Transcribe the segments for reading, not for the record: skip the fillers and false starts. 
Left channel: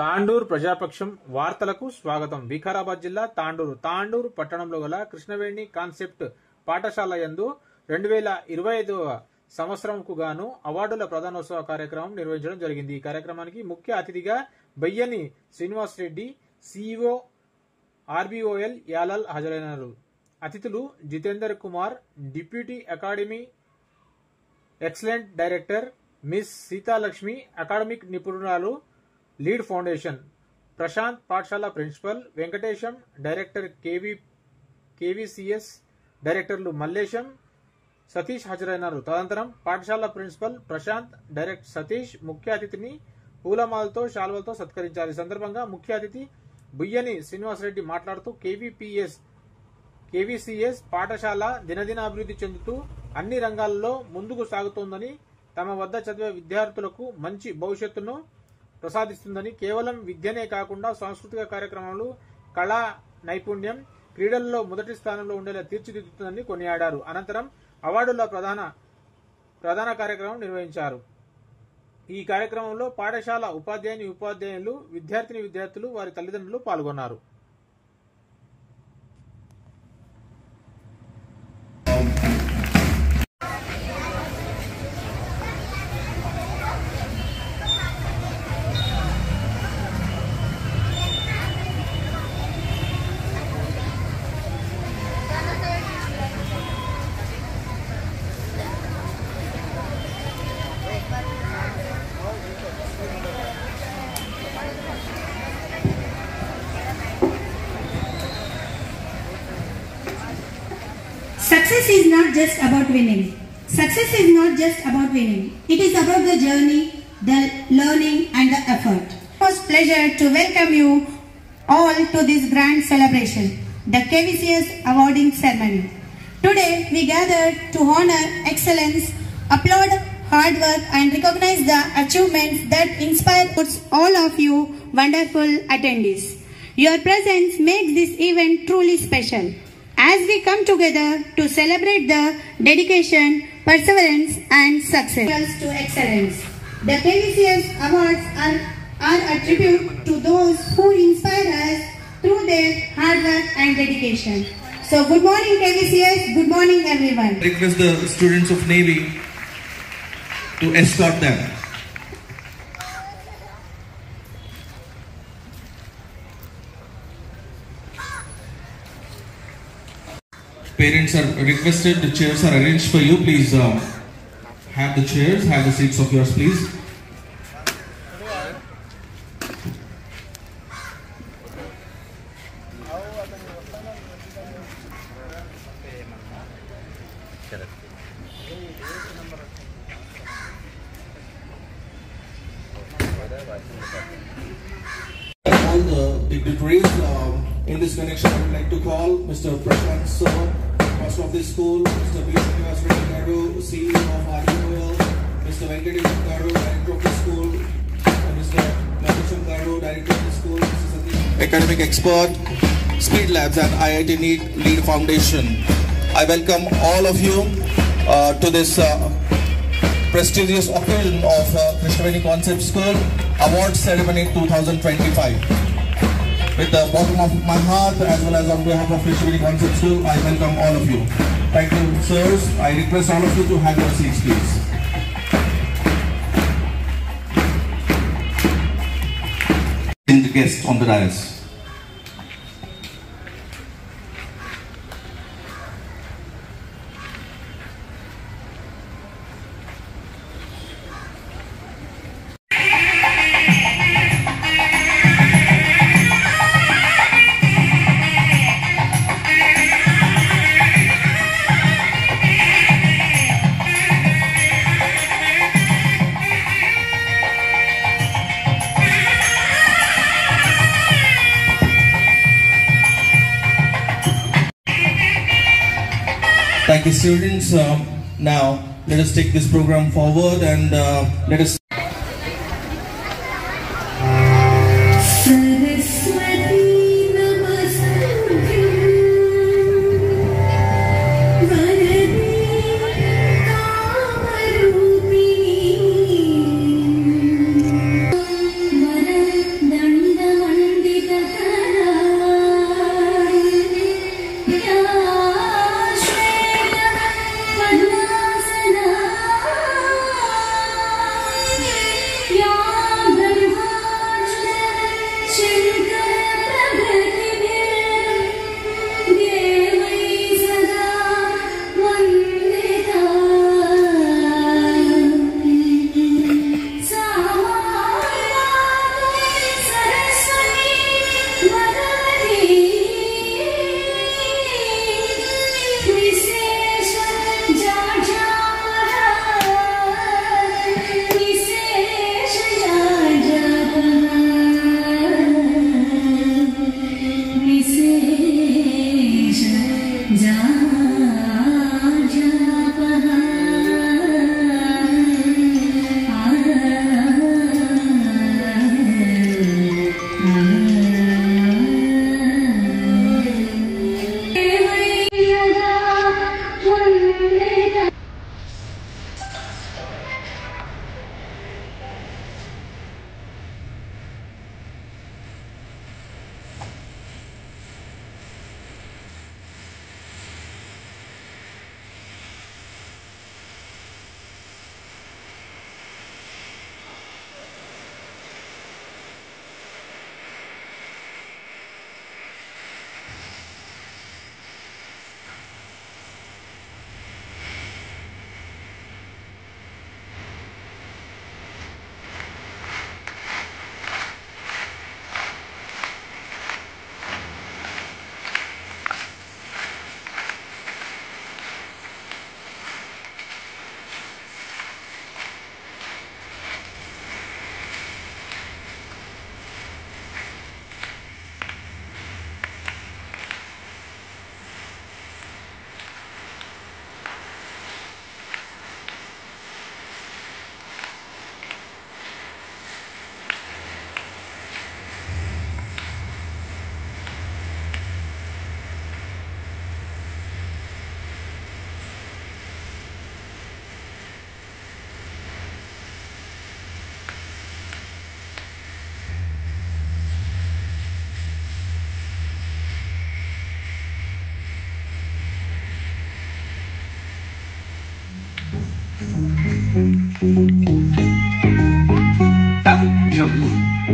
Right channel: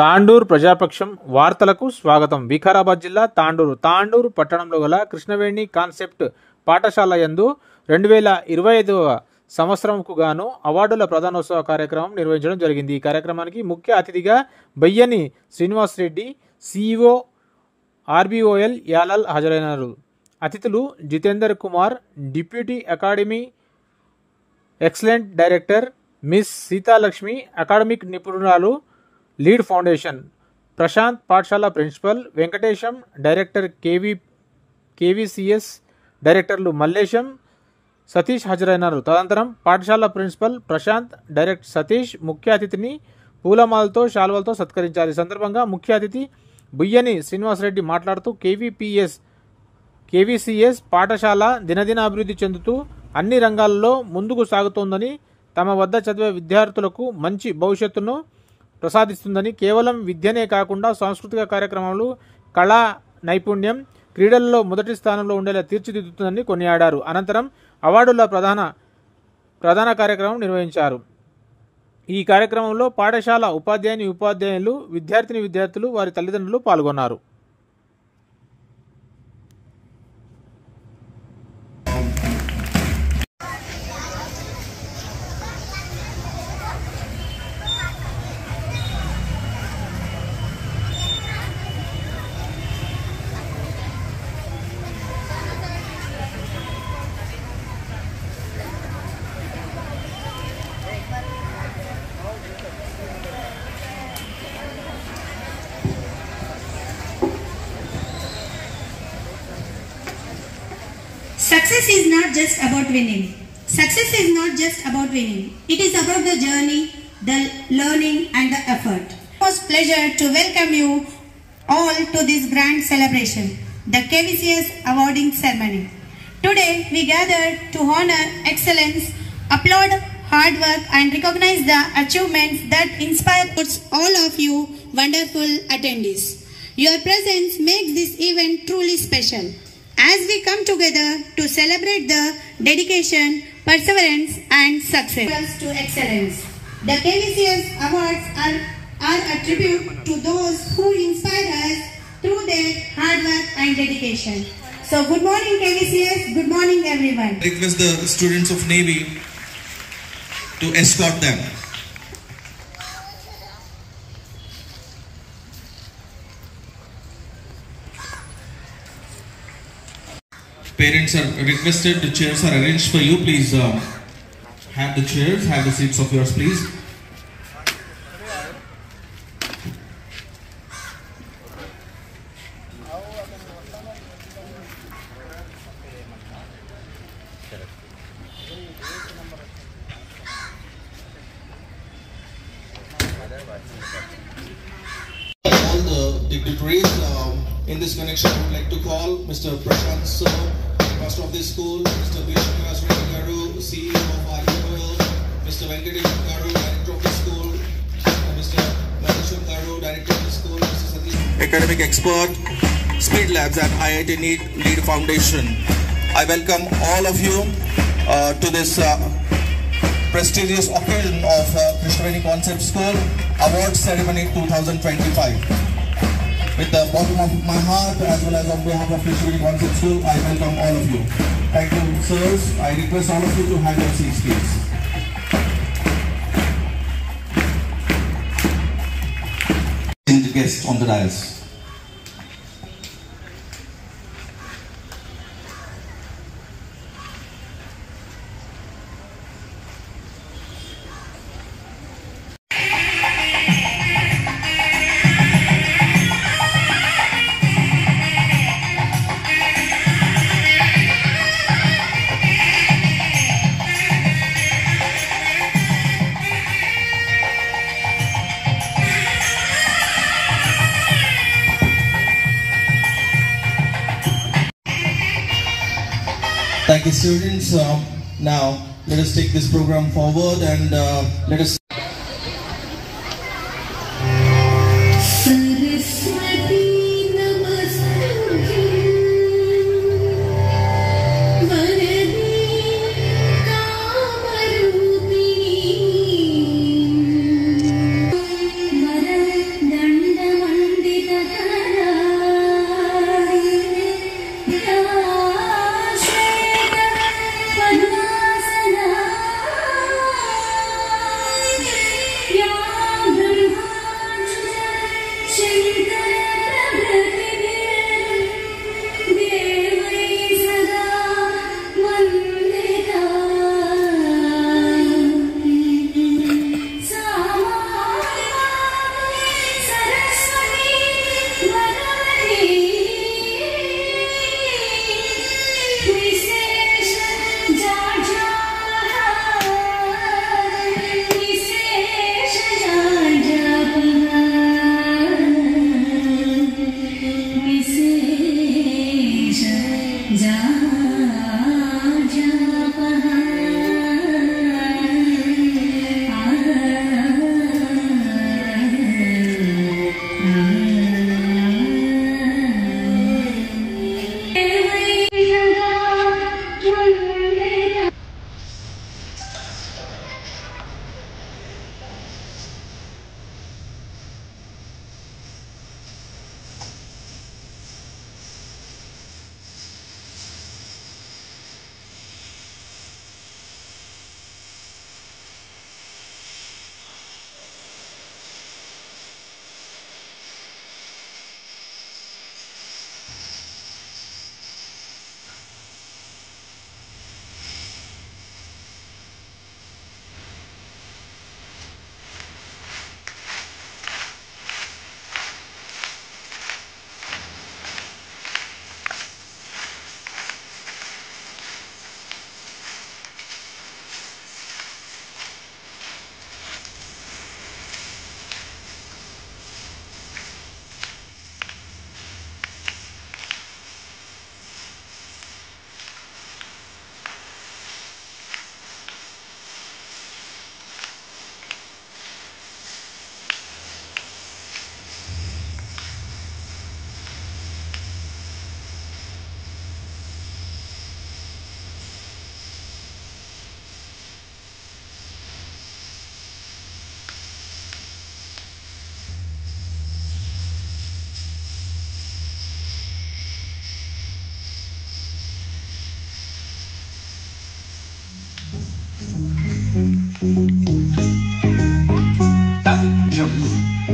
తాండూరు ప్రజాపక్షం వార్తలకు స్వాగతం. వికారాబాద్ జిల్లా తాండూరు పట్టణంలో గల కృష్ణవేణి కాన్సెప్ట్ పాఠశాల యందు 2025వ సంవత్సరంకు గాను అవార్డుల ప్రదానోత్సవ కార్యక్రమం నిర్వహించడం జరిగింది. ఈ కార్యక్రమానికి ముఖ్య అతిథిగా బయ్యని శ్రీనివాస్ రెడ్డి, సిఇఓ ఆర్బిఓఎల్ యాలల్ హాజరైనారు. అతిథులు Jitender Kumar, deputy academy excellent director miss Seethalakshmi, academic నిపుణురాలు, లీడ్ ఫౌండేషన్ ప్రశాంత్, పాఠశాల ప్రిన్సిపల్ వెంకటేశం, డైరెక్టర్ కేవీసీఎస్ డైరెక్టర్లు మల్లేశం, సతీష్ హాజరైనారు. తదనంతరం పాఠశాల ప్రిన్సిపల్ ప్రశాంత్, డైరెక్టర్ సతీష్ ముఖ్య అతిథిని పూలమాలతో శాల్వలతో సత్కరించారు. ఈ సందర్భంగా ముఖ్య అతిథి బుయ్యని శ్రీనివాసరెడ్డి మాట్లాడుతూ కేవీసీఎస్ పాఠశాల దినదిన అభివృద్ధి చెందుతూ అన్ని రంగాల్లో ముందుకు సాగుతోందని, తమ వద్ద చదివే విద్యార్థులకు మంచి భవిష్యత్తును ప్రసాదిస్తుందని, కేవలం విద్యనే కాకుండా సాంస్కృతిక కార్యక్రమాలు, కళా నైపుణ్యం, క్రీడల్లో మొదటి స్థానంలో ఉండేలా తీర్చిదిద్దుతుందని కొనియాడారు. అనంతరం అవార్డుల ప్రధాన కార్యక్రమం నిర్వహించారు. ఈ కార్యక్రమంలో పాఠశాల ఉపాధ్యాయులు, విద్యార్థులు, వారి తల్లిదండ్రులు పాల్గొన్నారు. Success is not just about winning. Success is not just about winning. It is about the journey, the learning and the effort. It was a pleasure to welcome you all to this grand celebration, the KVCS awarding ceremony. Today we gathered to honor excellence, applaud hard work and recognize the achievements that inspire all of you wonderful attendees. Your presence makes this event truly special, as we come together to celebrate the dedication, perseverance and success to excellence. The KVCS awards are a tribute to those who inspire us through their hard work and dedication. So good morning KVCS, good morning everyone. I request the students of Navy to escort them. Parents are requested, the chairs are arranged for you. Please have the chairs, have the seats of yours please. All the dignitaries in this connection, I would like to call Mr. Prashant Sir, Master of the School, Mr. Srinivas Reddy Garu, CEO of RBOL, Mr. Venkatesham Garu, Director of the School, Mr. Venkatesham Garu, Director of the School, Mr. Satish, Academic Expert, Speed Labs and IIT Lead Foundation. I welcome all of you to this prestigious occasion of Krishnaveni Concept School Award Ceremony 2025. With the bottom of my heart, as well as on behalf of Krishnaveni Concept School, I welcome all of you. Thank you, sirs. I request all of you to have your seats, please. The guests on the dais. Thank you, students. Now, let us take this program forward and let us. Saraswati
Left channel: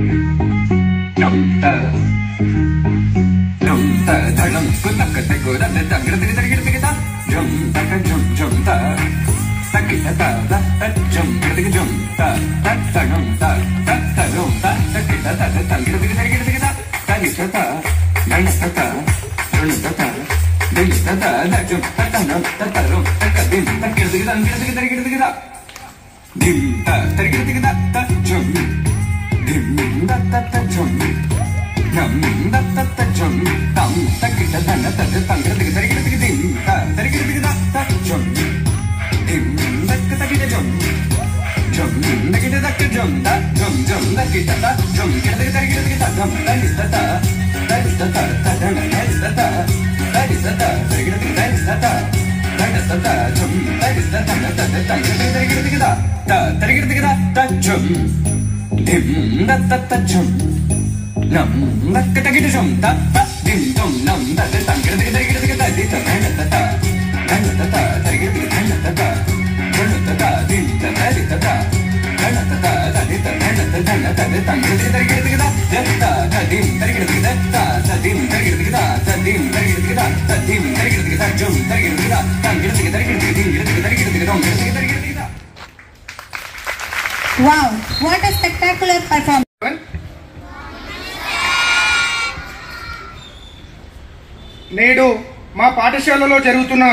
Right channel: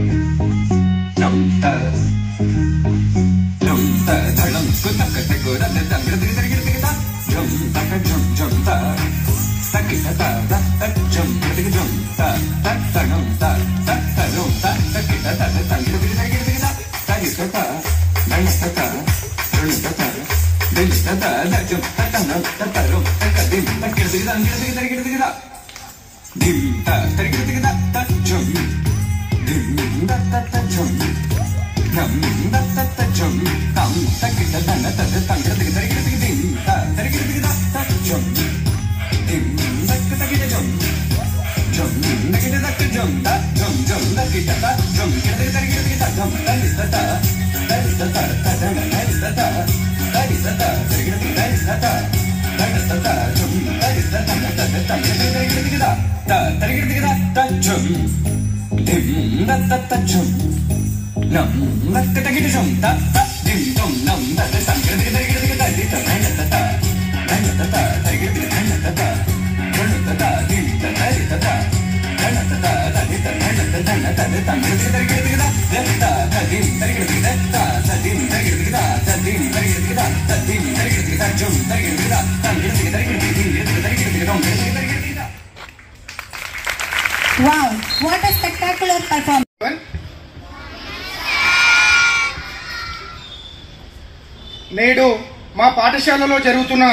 Wow, what a spectacular performance. నేడు మా పాఠశాలలో జరుగుతున్న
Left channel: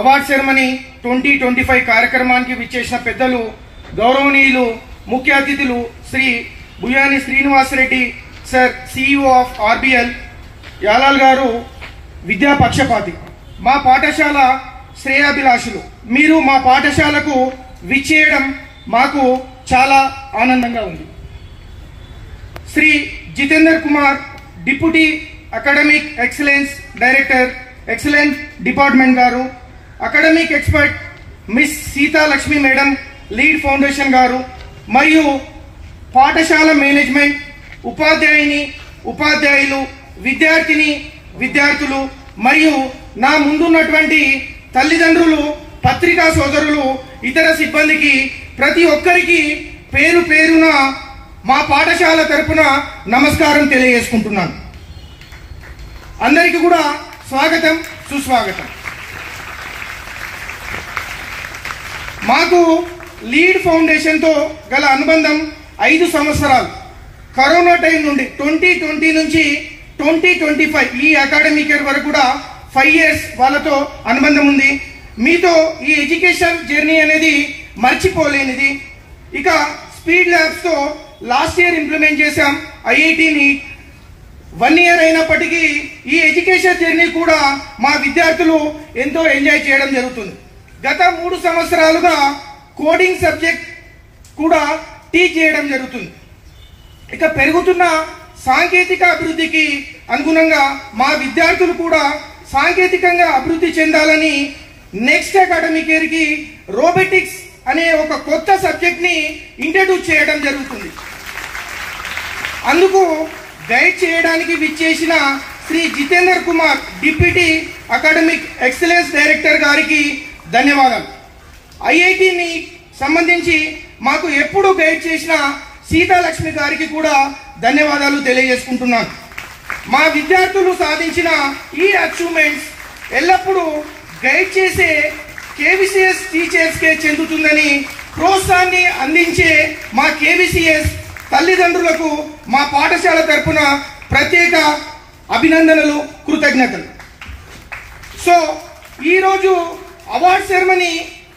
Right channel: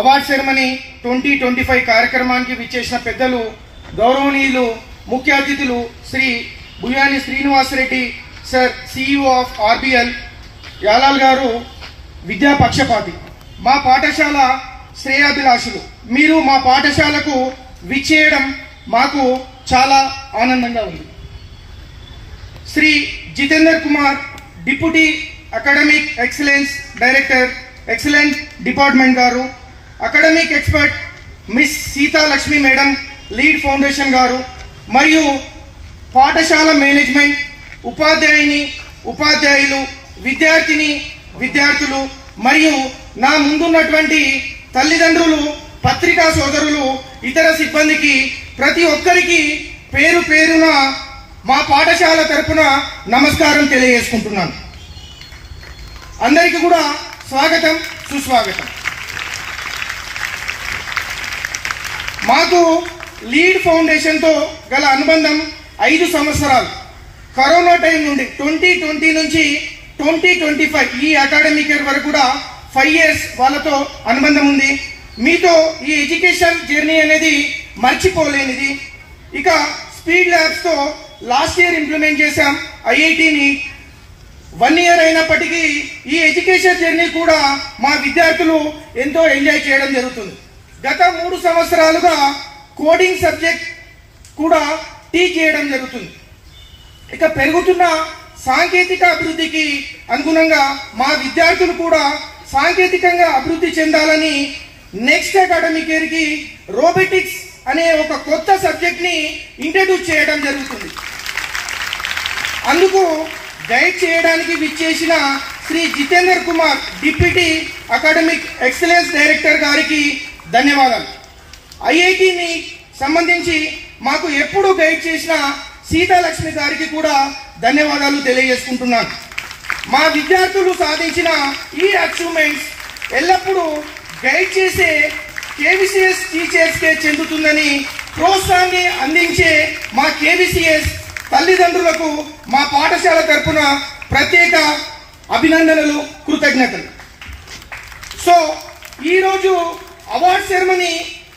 award ceremony 2025 కార్యక్రమానికి విచ్చేసిన పెద్దలు గౌరవనీయులు ముఖ్య అతిథులు Shri Buyani Srinivasareddy sir CEO of RBL Yalal గారు విద్యా పక్షపాతి, మా పాఠశాల శ్రేయాభిలాషులు. మీరు మా పాఠశాలకు విచ్చేయడం మాకు చాలా ఆనందంగా ఉంది. Shri Jitender Kumar deputy academic excellence director excellent department గారు, academic expert miss Seetha Lakshmi madam lead foundation గారు, మరియు పాఠశాల మేనేజ్మెంట్, ఉపాధ్యాయుని ఉపాధ్యాయులు, విద్యార్థిని విద్యార్థులు మరియు నా ముందున్నటువంటి తల్లిదండ్రులు, పత్రికా సోదరులు, ఇతర సిబ్బందికి ప్రతి ఒక్కరికి పేరు పేరున మా పాఠశాల తరపున నమస్కారం తెలియజేసుకుంటున్నాను. అందరికీ కూడా స్వాగతం, సుస్వాగతం. మాకు లీడ్ ఫౌండేషన్ తో గల అనుబంధం 5 సంవత్సరాలు. కరోనా టైం నుండి 2020 నుంచి 2025 ఈ అకాడమిక్ ఇయర్ వరకు కూడా 5 years వాళ్ళతో అనుబంధం ఉంది. మీతో ఈ ఎడ్యుకేషన్ జర్నీ అనేది మర్చిపోలేనిది. ఇక స్పీడ్ ల్యాబ్స్ తో లాస్ట్ ఇయర్ ఇంప్లిమెంట్ చేశాం ఐఐటిని. 1 year అయినప్పటికీ ఈ ఎడ్యుకేషన్ జర్నీ కూడా మా విద్యార్థులు ఎంతో ఎంజాయ్ చేయడం జరుగుతుంది. గత 3 సంవత్సరాలుగా కోడింగ్ సబ్జెక్ట్ కూడా టీచ్ చేయడం జరుగుతుంది. ఇక పెరుగుతున్న సాంకేతిక అభివృద్ధికి అనుగుణంగా మా విద్యార్థులు కూడా సాంకేతికంగా అభివృద్ధి చెందాలని నెక్స్ట్ అకాడమిక్ ఇయర్ కి రోబోటిక్స్ అనే ఒక కొత్త సబ్జెక్ట్ ని ఇంట్రడ్యూస్ చేయడం జరుగుతుంది. అందుకు గైడ్ చేయడానికి విచ్చేసిన Shri Jitender Kumar deputy academic excellence director గారికి ధన్యవాదాలు. ఐఐటిని సంబంధించి మాకు ఎప్పుడు గైడ్ చేసిన సీతాలక్ష్మి గారికి కూడా ధన్యవాదాలు తెలియజేసుకుంటున్నాను. మా విద్యార్థులు సాధించిన ఈ అచీవ్మెంట్స్ ఎల్లప్పుడూ గైడ్ చేసే కేవీసీఎస్ టీచర్స్ కే చెందుతుందని ప్రోత్సాహాన్ని అందించే మా కేవీసీఎస్ తల్లిదండ్రులకు మా పాఠశాల తరఫున ప్రత్యేక అభినందనలు, కృతజ్ఞతలు. సో ఈరోజు అవార్డ్ సెరమనీ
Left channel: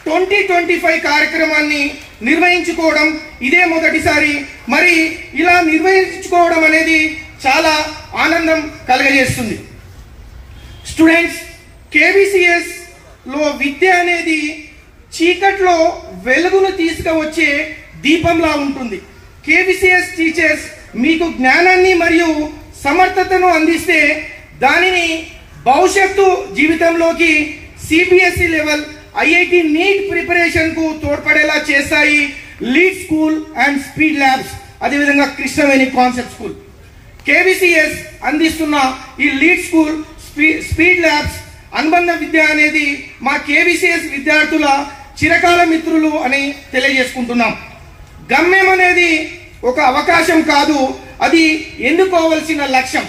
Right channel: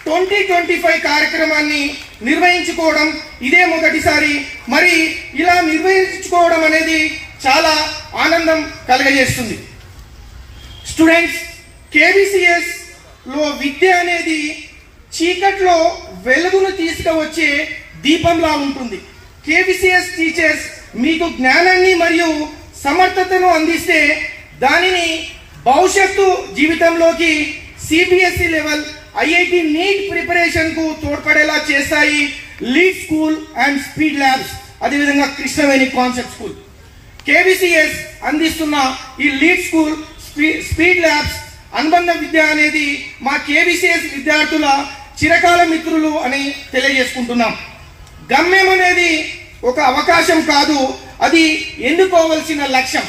2025 కార్యక్రమాన్ని నిర్వహించుకోవడం ఇదే మొదటిసారి. మరి ఇలా నిర్వహించుకోవడం అనేది చాలా ఆనందం కలగజేస్తుంది. స్టూడెంట్స్, కేవీసీఎస్ లో విద్య అనేది చీకట్లో వెలుగును తీసుకువచ్చే దీపంలా ఉంటుంది. కేవీసీఎస్ టీచర్స్ మీకు జ్ఞానాన్ని మరియు సమర్థతను అందిస్తే దానిని భవిష్యత్తు జీవితంలోకి CBSE level, IIT NEET preparation కు తోడ్పడేలా చేస్తాయి lead school and speed labs, అదేవిధంగా కృష్ణవేణి కాన్సెప్ట్ స్కూల్. కేవీసీఎస్ అందిస్తున్న ఈ లీడ్ స్కూల్, స్పీడ్ ల్యాబ్స్, అనుబంధ విద్య అనేది మా కేవీసీఎస్ విద్యార్థుల చిరకాల మిత్రులు అని తెలియజేసుకుంటున్నాం. గమ్యం అనేది ఒక అవకాశం కాదు, అది ఎన్నుకోవలసిన లక్ష్యం.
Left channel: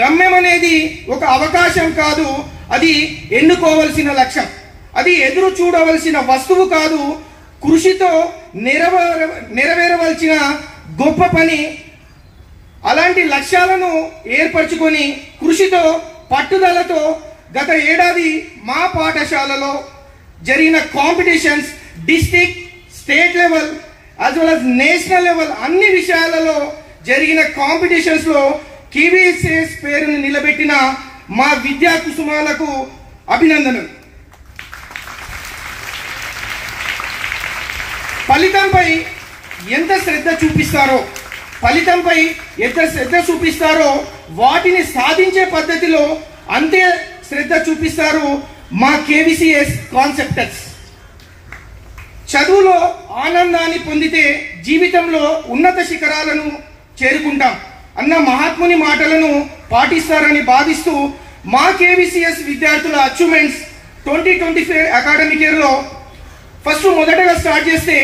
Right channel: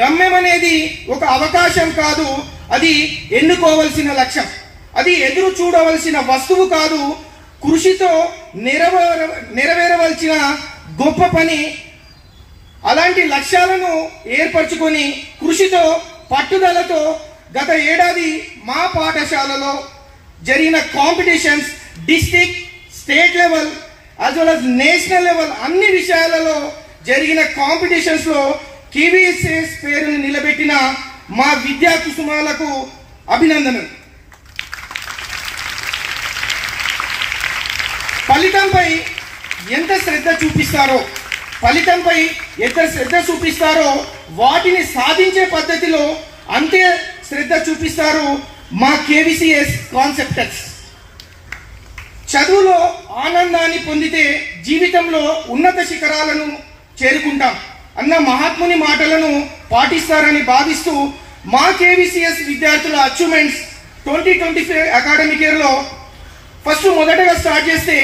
గమ్యం అనేది ఒక అవకాశం కాదు, అది ఎన్నుకోవలసిన లక్ష్యం. అది ఎదురు చూడవలసిన వస్తువు కాదు, కృషితో నెరవేరవలసిన గొప్ప పని. అలాంటి లక్ష్యాలను ఏర్పరచుకొని కృషితో పట్టుదలతో గత ఏడాది మా పాఠశాలలో జరిగిన competitions district, state level as well as national level అన్ని విషయాలలో జరిగిన కాంపిటీషన్స్ లో KVSS పేరును నిలబెట్టిన మా విద్యా కుసుమాలకు అభినందనలు. ఫలితంపై ఎంత శ్రద్ధ చూపిస్తారో వాటిని సాధించే పద్ధతిలో అంతే శ్రద్ధ చూపిస్తారు మా KVCS కాన్సెప్టర్స్. చదువులో ఆనందాన్ని పొందితే జీవితంలో ఉన్నత శిఖరాలను చేరుకుంటాం అన్న మహాత్ముని మాటలను పాటిస్తారని భావిస్తూ మా KVCS విద్యార్థుల అచీవ్మెంట్స్ 2025 అకాడమిక్ ఇయర్ లో ఫస్ట్ మొదటగా స్టార్ట్ చేస్తే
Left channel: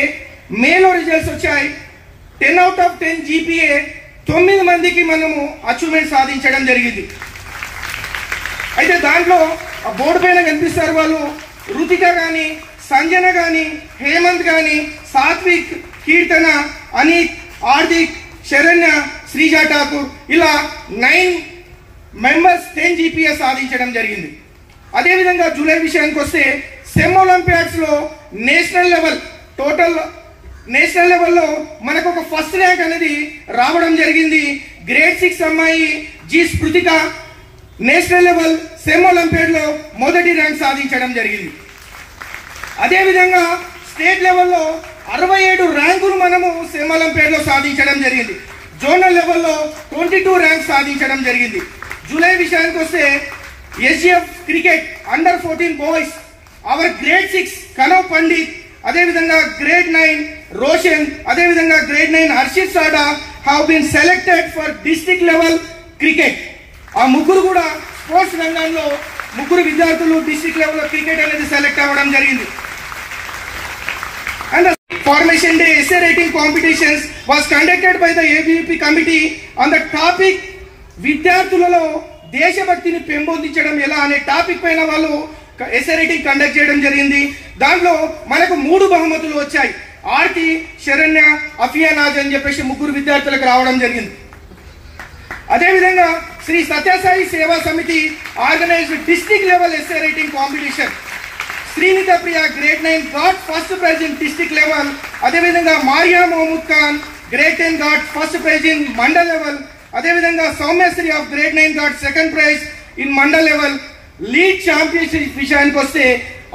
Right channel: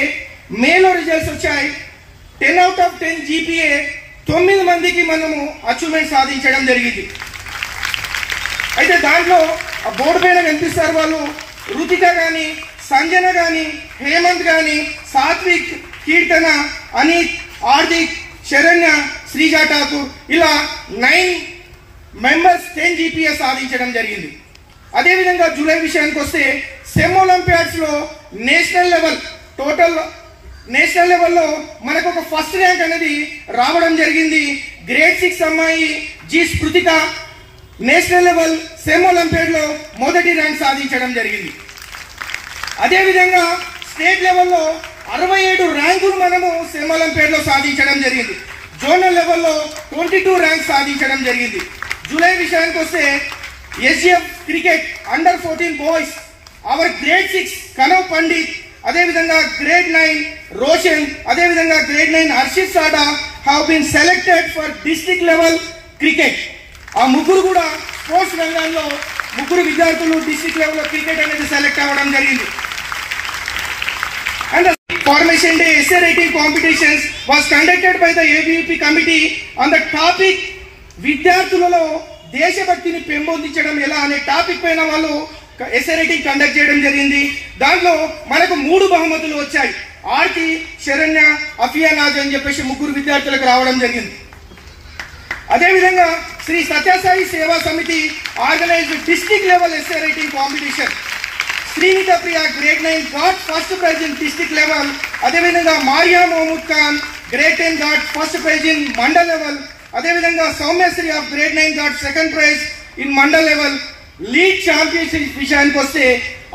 మేలో రిజల్ట్స్ వచ్చాయి. 10 out of 10 GPA 9 మందికి మనము అచీవ్మెంట్ సాధించడం జరిగింది. అయితే దాంట్లో బోర్డు పైన కనిపిస్తారు వాళ్ళు, రుతిక గాని, సంజన గాని, హేమంత్ గాని, సాత్విక్, కీర్తన, అనిత్, హార్దిక్, శరణ్య, శ్రీజా ఠాకూర్ ఇలా 9 మెంబర్స్ 10 GPA సాధించడం జరిగింది. అదేవిధంగా జూలై విషయానికి వస్తే సెమ్ ఒలింపియాడ్స్ లో నేషనల్ లెవెల్లో మనకు ఒక ఫస్ట్ ర్యాంక్ అనేది రావడం జరిగింది. గ్రేడ్ 6 అమ్మాయి G Spruthika national level SEM olympiad లో మొదటి ర్యాంక్ సాధించడం జరిగింది. అదేవిధంగా స్టేట్ లెవెల్లో 67 ర్యాంకులు మనము సెమ్ ఒలింపియాడ్ లో సాధించడం జరిగింది. జోనల్ లెవెల్లో 22 ర్యాంక్ సాధించడం జరిగింది. జూలై విషయానికి వస్తే SGF cricket under 14 boys our grade 6 Kanav Pandit, అదేవిధంగా గ్రేడ్ 9 రోషన్, అదేవిధంగా grade 9 Harshit Sada have been selected for district level cricket. ఆ ముగ్గురు కూడా స్పోర్ట్స్ రంగంలో ముగ్గురు విద్యార్థులు డిస్ట్రిక్ట్ లెవెల్ క్రికెట్ అనేది సెలెక్ట్ అవ్వడం జరిగింది. And the Formation Day essay writing competitions was conducted by the ABVP committee on the topic విద్యార్థులలో దేశభక్తిని పెంపొందించడం ఎలా అనే టాపిక్ పైన వాళ్ళు ఎస్సే రైటింగ్ కండక్ట్ చేయడం జరిగింది. దాంట్లో మనకు 3 బహుమతులు వచ్చాయి. ఆర్తి, శరణ్య, అఫియా నాజ్ అని చెప్పేసి ముగ్గురు విద్యార్థులకు రావడం జరిగింది. అదేవిధంగా Shri Sathyasai Seva Samithi organized district level essay writing competition. Srinitha Priya grade 9 got first prize in district level. అదేవిధంగా Maria Mahmood Khan grade 10 got first prize in mandal level. అదేవిధంగా Soumyasri of grade 9 got second prize in mandal level. League championship విషయానికి వస్తే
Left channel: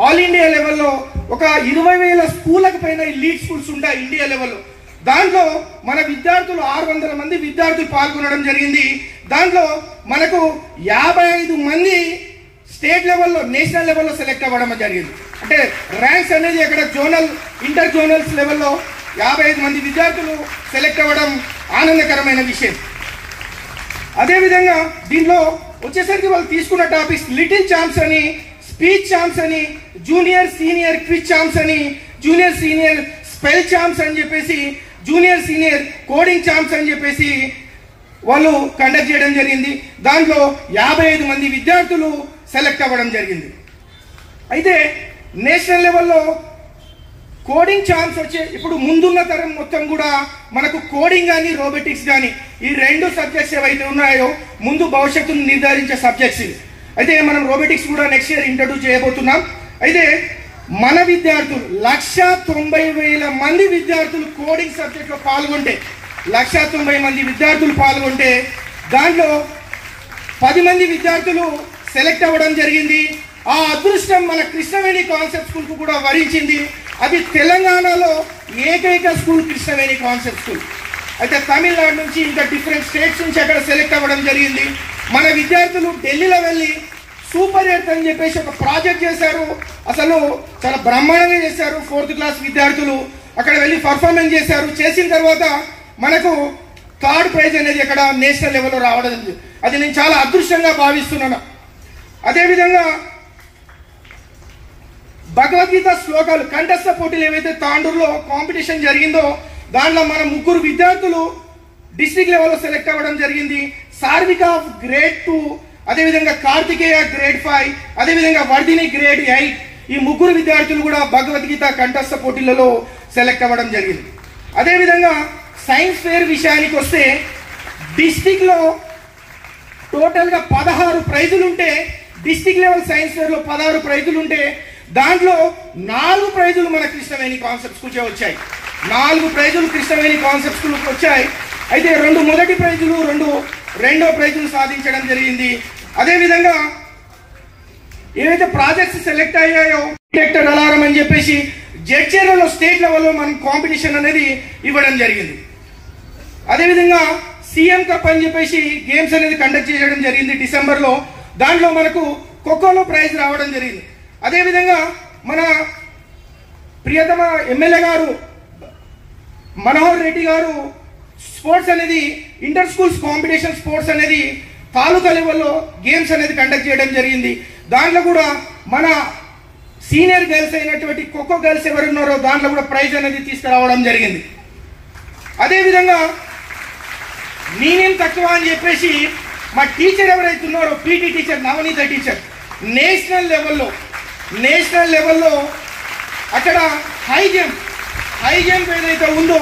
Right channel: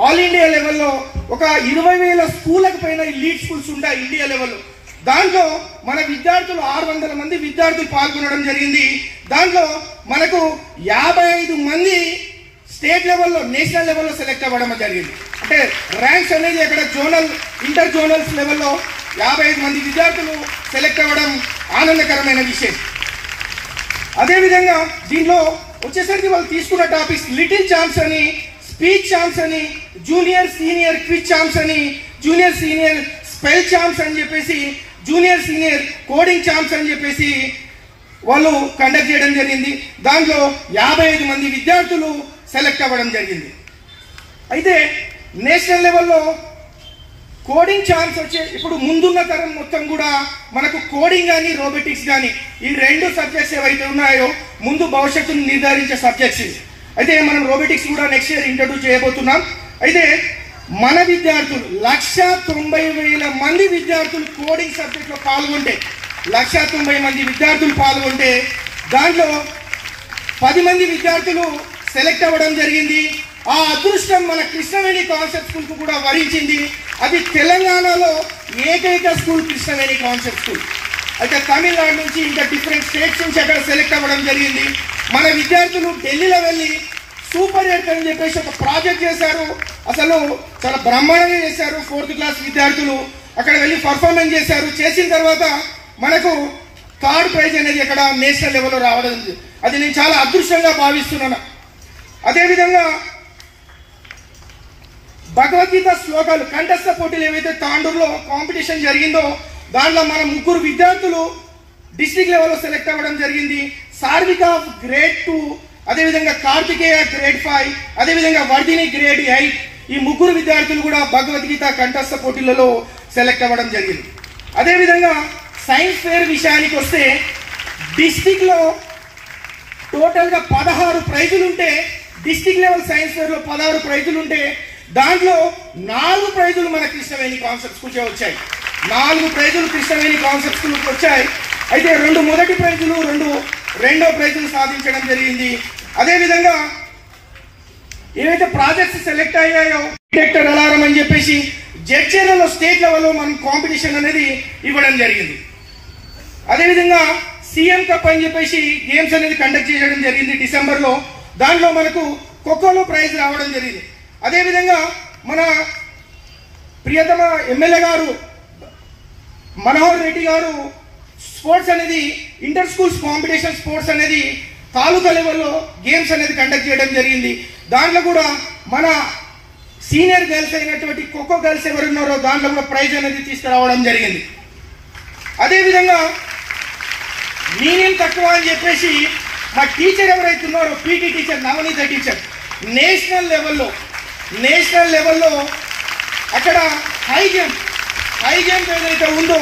ఆల్ ఇండియా లెవెల్లో ఒక 20,000 స్కూళ్ళకు పైన lead schools ఉంటాయి India లెవెల్లో. దాంట్లో మన విద్యార్థులు 600 మంది విద్యార్థులు పాల్గొనడం జరిగింది. దాంట్లో మనకు 55 మంది స్టేట్ లెవెల్లో, నేషనల్ లెవెల్లో సెలెక్ట్ అవ్వడం జరిగింది. అంటే ర్యాంక్స్ అనేది అక్కడ జోనల్, ఇంటర్ జోనల్స్ లెవెల్లో 55 మంది విద్యార్థులు సెలెక్ట్ అవ్వడం ఆనందకరమైన విషయం. అదేవిధంగా దీనిలో వచ్చేసరికి వాళ్ళు తీసుకున్న టాపిక్స్ లిటిల్ ఛాంప్స్ అని, స్పీచ్ ఛాంప్స్ అని, జూనియర్ సీనియర్ క్విజ్ ఛాంప్స్ అని, జూనియర్ సీనియర్ స్పెల్ ఛాంప్స్ అని చెప్పేసి, జూనియర్ సీనియర్ కోడింగ్ ఛాంప్స్ అని చెప్పేసి వాళ్ళు కండక్ట్ చేయడం జరిగింది. దాంట్లో 55 మంది విద్యార్థులు సెలెక్ట్ అవ్వడం జరిగింది. అయితే నేషనల్ లెవెల్లో కోడింగ్ ఛాన్స్ వచ్చే ఇప్పుడు ముందున్న తరం మొత్తం కూడా మనకు కోడింగ్ కానీ రోబోటిక్స్ కానీ ఈ 2 సబ్జెక్ట్స్ ఏవైతే ఉన్నాయో ముందు భవిష్యత్తును నిర్ధారించే సబ్జెక్ట్స్. అయితే మనం రోబోటిక్స్ కూడా నెక్స్ట్ ఇయర్ ఇంట్రడ్యూస్ చేయబోతున్నాం. అయితే మన విద్యార్థులు 190,000 మంది విద్యార్థులు కోడింగ్ సబ్జెక్ట్ లో పాల్గొంటే, 190 మంది విద్యార్థులు పాల్గొంటే దాంట్లో 10 మంది విద్యార్థులు సెలెక్ట్ అవ్వడం జరిగింది. ఆ అదృష్టం మన కృష్ణవేణి కాన్సెప్ట్ స్కూల్ కు కూడా వరించింది. అది తెలంగాణలో ఏకైక స్కూల్ కృష్ణవేణి కాన్సెప్ట్ స్కూల్. అయితే తమిళనాడు నుంచి ఇంకా డిఫరెంట్ స్టేట్స్ నుంచి అక్కడ సెలెక్ట్ అవ్వడం జరిగింది. మన విద్యార్థులు ఢిల్లీలో వెళ్ళి సూపర్ ఎయిట్ అని చెప్పేసి ఒక ప్రాజెక్ట్ చేశారు. అసలు చాలా బ్రహ్మాండంగా చేశారు. 4th క్లాస్ విద్యార్థులు అక్కడ వెళ్ళి పర్ఫార్మెన్స్ చేశారు. చేసిన తర్వాత మనకు 3rd ప్రైజ్ అనేది అక్కడ నేషనల్ లెవెల్లో రావడం, అది నేను చాలా అదృష్టంగా భావిస్తున్నాను. అదేవిధంగా భగవద్గీత శ్లోకాలు కంఠస్థ పోటీలు ఏవైతే తాండూరులో కాంపిటీషన్ జరిగిందో దాంట్లో మన 3 విద్యార్థులు డిస్ట్రిక్ట్ లెవెల్లో సెలెక్ట్ అవ్వడం జరిగింది. సార్విక గ్రేడ్ 2, అదేవిధంగా కార్తికేయ గ్రేడ్ 5, అదేవిధంగా వర్ధిని గ్రేడ్ 8. ఈ ముగ్గురు విద్యార్థులు కూడా భగవద్గీత కంఠస్థ పోటీలలో సెలెక్ట్ అవ్వడం జరిగింది. అదేవిధంగా సైన్స్ ఫేర్ విషయానికి వస్తే డిస్ట్రిక్ట్ లో టోటల్ గా 16 ప్రైజులు ఉంటే, డిస్ట్రిక్ట్ లెవెల్ సైన్స్ ఫేర్ లో 16 ప్రైజులు ఉంటే దాంట్లో 4 ప్రైజులు మన కృష్ణవేణి కాన్సెప్ట్ స్కూల్ వచ్చాయి. 4 ప్రైజులు కృష్ణవేణి కాన్సెప్ట్ స్కూల్ వచ్చాయి. అయితే 2 మొదటి ప్రైజులు, 2 రెండో ప్రైజులు సాధించడం జరిగింది. అదేవిధంగా ఏవైతే ప్రాజెక్ట్స్ సెలెక్ట్ అయ్యాయో డిటెక్టర్ అలారం అని చెప్పేసి జడ్చర్లలో స్టేట్ లెవెల్లో మనం కాంపిటీషన్ అనేది ఇవ్వడం జరిగింది. అదేవిధంగా సీఎం కప్ అని చెప్పేసి గేమ్స్ అనేది కండక్ట్ చేయడం జరిగింది డిసెంబర్ లో. దాంట్లో మనకు ఖోఖోలో ప్రైజ్ రావడం జరిగింది. అదేవిధంగా మన ప్రియతమ ఎమ్మెల్యే గారు మనోహర్ రెడ్డి గారు స్పోర్ట్స్ అనేది ఇంటర్ స్కూల్స్ కాంపిటీషన్ స్పోర్ట్స్ అనేది తాలూకా లెవెల్లో గేమ్స్ అనేది కండక్ట్ చేయడం జరిగింది. దాంట్లో కూడా మన సీనియర్ గర్ల్స్ అయినటువంటి ఖోఖో గర్ల్స్ ఎవరున్నారో దాంట్లో కూడా ప్రైజ్ అనేది తీసుకురావడం జరిగింది. అదేవిధంగా నేనేం తక్కువ అని చెప్పేసి మా టీచర్ ఎవరైతే ఉన్నారో పీటీ టీచర్, నవనీత టీచర్, నేషనల్ లెవెల్లో అక్కడ హై జంప్ ఏదైతే ఉందో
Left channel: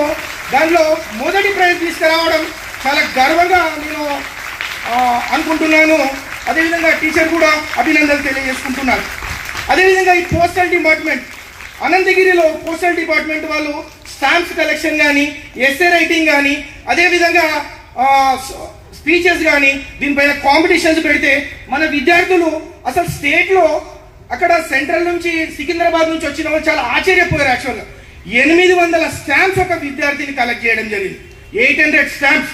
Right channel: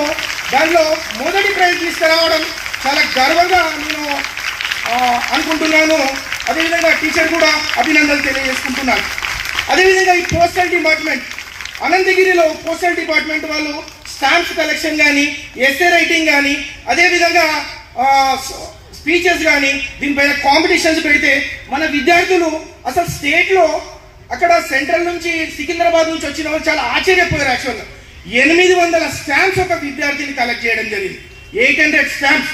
దానిలో మొదటి ప్రైజ్ తీసుకురావడం చాలా గర్వంగా నేను అనుకుంటున్నాను. అదేవిధంగా టీచర్ కూడా అభినందనలు తెలియజేసుకుంటున్నాను. అదేవిధంగా ఈ పోస్టల్ డిపార్ట్మెంట్, అనంతగిరిలో పోస్టల్ డిపార్ట్మెంట్ వాళ్ళు స్టాంప్స్ కలెక్షన్ కానీ, ఎస్ఏ రైటింగ్ కానీ, అదేవిధంగా స్పీచెస్ కానీ దీనిపైన కాంపిటీషన్స్ పెడితే మన విద్యార్థులు అసలు స్టేట్ లో అక్కడ సెంట్రల్ నుంచి సికింద్రాబాద్ నుంచి వచ్చిన వాళ్ళు చాలా ఆశ్చర్యపోయారు. యాక్చువల్గా 800 స్టాంప్స్ ఒక విద్యార్థిని కలెక్ట్ చేయడం జరిగింది. 800 స్టాంప్స్.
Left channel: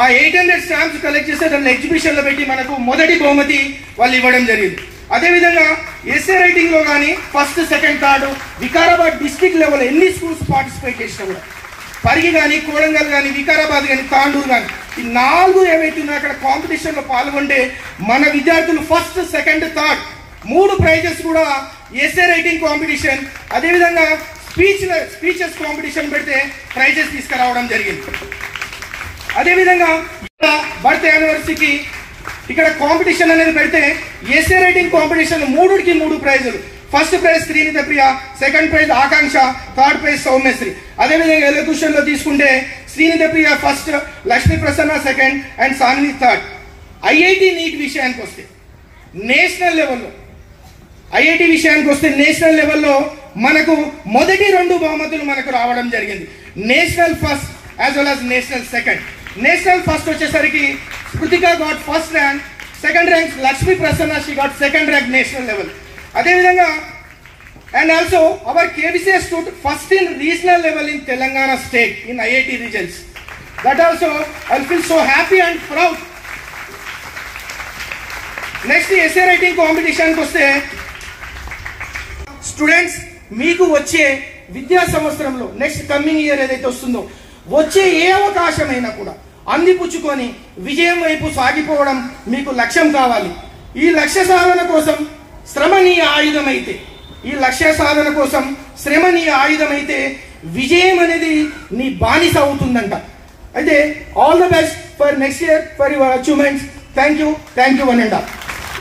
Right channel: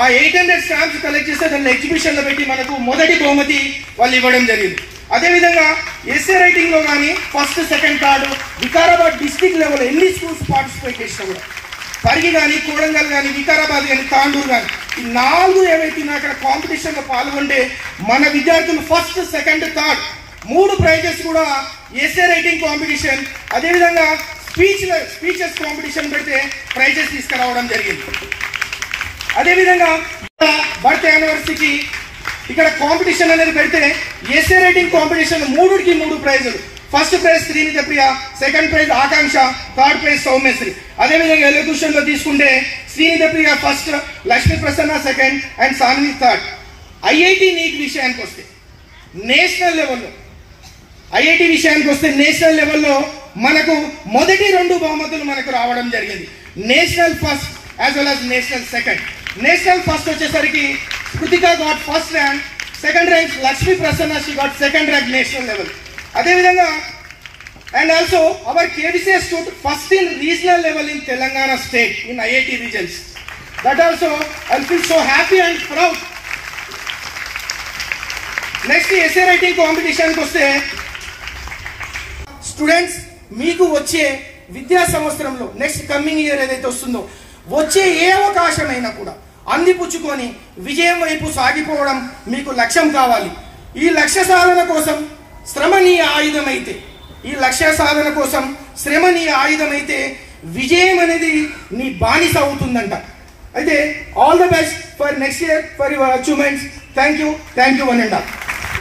ఆ 800 స్టాంప్స్ కలెక్ట్ చేస్తే దాన్ని ఎగ్జిబిషన్ లో పెట్టి మనకు మొదటి బహుమతి వాళ్ళు ఇవ్వడం జరిగింది. అదేవిధంగా ఎస్ఏ రైటింగ్ లో కానీ first, second, third Vikarabad district level ఎన్ని స్కూల్స్ పార్టిసిపేట్ చేసినా కూడా, పరిగి కానీ, కోరంగల్ కానీ, వికారాబాద్ కానీ, తాండూరు కానీ, ఈ 4 ఏవైతే అక్కడ కాంపిటీషన్ లో పాల్గొంటే మన విద్యార్థులు ఫస్ట్, సెకండ్, థర్డ్ 3 ప్రైజెస్ కూడా ఎస్ఏ రైటింగ్ కాంపిటీషన్, అదేవిధంగా స్పీచెస్ కాంపిటీషన్ పెడితే ప్రైజెస్ తీసుకురావడం జరిగింది. అదేవిధంగా బర్త్ యానివర్సరీకి ఇక్కడ కాంపిటీషన్ అనేది పెడితే ఎస్ఏ రైటింగ్ కాంపిటీషన్ 3కి 3 ప్రైజులు. First prize Srinitha Priya, second prize Akanksha, third prize Soumyasri. అదేవిధంగా ఎలక్యూషన్ లో తీసుకుంటే Srinitha Priya first, Lakshmi Prasanna second and Sanvi third. IIT NEET విషయానికి వస్తే నేషనల్ లెవెల్లో మనకు మొదటి 2 బహుమతులు మనకు రావడం జరిగింది. National first as well as national second. National first వచ్చేసరికి Kruthika got first rank, second rank Lakshmi Prasanna she got second rank national level. అదేవిధంగా and also our KVCS stood first in regional level in Telangana state in IIT regions. That also I feel so happy and proud. Next essay writing competition కి వస్తే students మీకు వచ్చే విద్యా సంవత్సరంలో next coming year ఏదైతే వస్తుందో వచ్చే ఏ అవకాశమైనా కూడా అందిపుచ్చుకొని విజయం వైపు సాగిపోవడం మీకు లక్ష్యం కావాలి. ఈ లక్ష్య సాధన కోసం శ్రమ నీ ఆయుధమైతే విజయం అనేది నీ బానిస అవుతుందంట. అయితే all the best for next year for your achievements. Thank you one and all.